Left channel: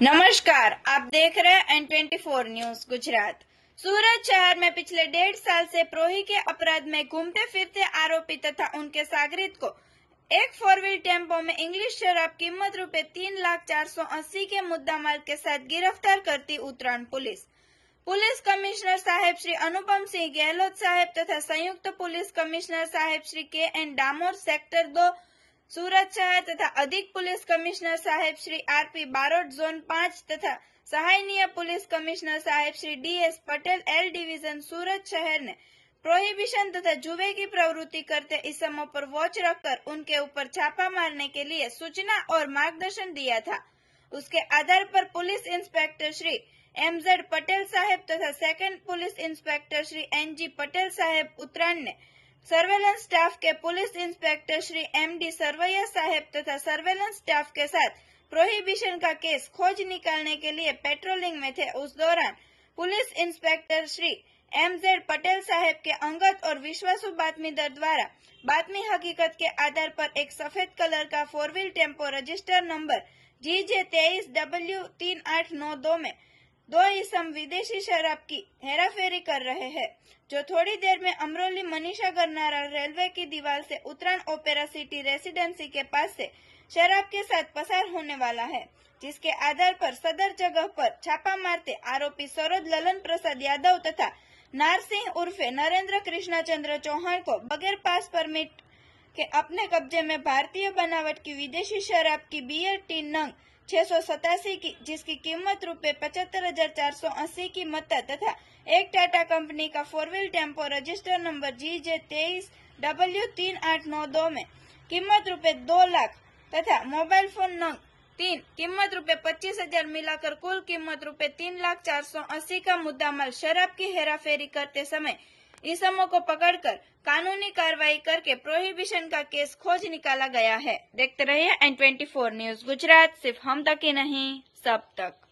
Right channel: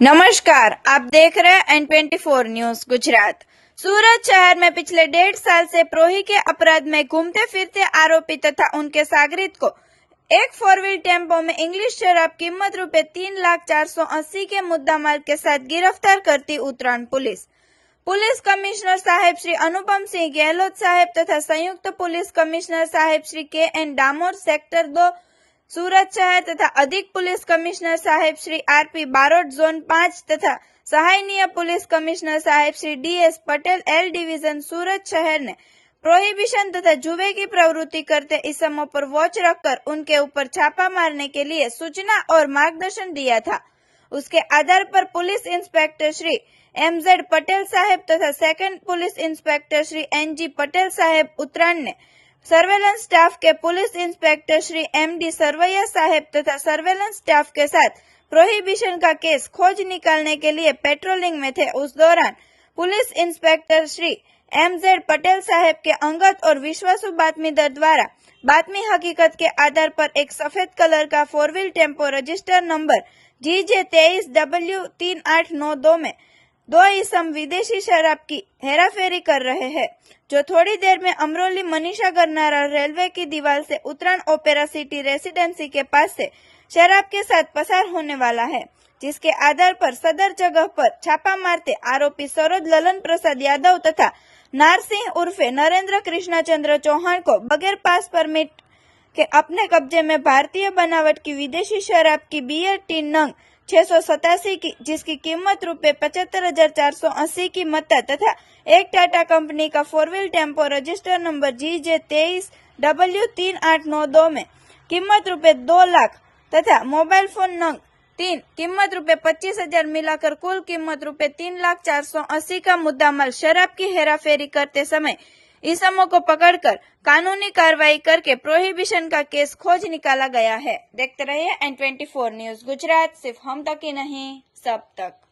नमस्कार, आप देख रहे हैं N24 न्यूज गुजरात। सूरत शहर में पिछले 1.5 साल से प्रोही के अपराध में घूमते फिरते आरोपी तथा उनके सागरित को एक 4 व्हील टेम्पो में इंग्लिश शराब कीमत रुपए 3,480,000 के मुद्दामाल के साथ गिरफ्तार करती उतराण पुलिस। पुलिस कमिश्नर साहेब श्री अनुपम सिंह गहलोत साहेब तथा संयुक्त पुलिस कमिश्नर साहेब श्री KN डामोर सेक्टर 2 सूरत शहर तथा अधिक पुलिस कमिश्नर साहेब श्री RP बारोट जोन 5 तथा सहायनीय पुलिस कमिश्नर साहेब Shri DS Patel L division Surat शहर ने प्रोहिबिशन तथा जुए की प्रवृत्ति करते इसमों पर वॉच रखकर उनके ऊपर छापा मारने के लिए सूचना और मार्गदर्शन दिया था। उसके आधार पर police inspector Shri MZ Patel साहेब तथा second police inspector Shri NG Patel साहेब उतराण ने सर्वेलेंस स्टाफ के police inspector Shri MD Sarvaiya साहेब तथा सर्वेलेंस स्टाफ के साथ प्रोहिबिशन का केस खोज निकालने के लिए पेट्रोलिंग में थे। उस दौरान police inspector Shri MZ Patel साहेब के अंगत और विश्वासु बातमीदार द्वारा बातमी हकीकत के आधार पर एक सफेद कलर का 4 wheel tempo register number GJ 23W3892 में 2 इसम विदेशी शराब की हेराफेरी कर रहे हैं, जो थोड़ी देर में अमरोली मनीषा गरनारा रेलवे की दीवार से उतराण ओपेरा सिटी रेसिडेंसी के पास से शराब के साथ पसार होने वाला है, जिसके आधार पर सदर जगह पर छापा मारते आरोपी सरोज ललन प्रसाद यादव तथा नारसिंह उर्फे नरेंद्र कृष्णचंद्र चौहान को बगैर पास परमिट के अपने कब्जे में भारतीय बनावट की विदेशी शराब की बियर टीन नंग 687 की, जिसकी कीमत रुपए 75,480 की मत्ता तथा एक टाटा कंपनी का 4 wheel tempo register number GJ 23W3892 में कीमत रुपए 2 लाख तथा मोबाइल फोन नंग 3 कीमत रुपए 25,000 मिलाकर कुल कीमत रुपए 3,480,000 का मुद्दामाल शराब की हेराफेरी करते समय इसमों को पकड़कर कानूनी कार्रवाई करके प्रोहिबिशन का केस खोज निकाला गया है। देखते रहिए N24 न्यूज गुजरात, सिर्फ हम तक ही नहीं सब तक।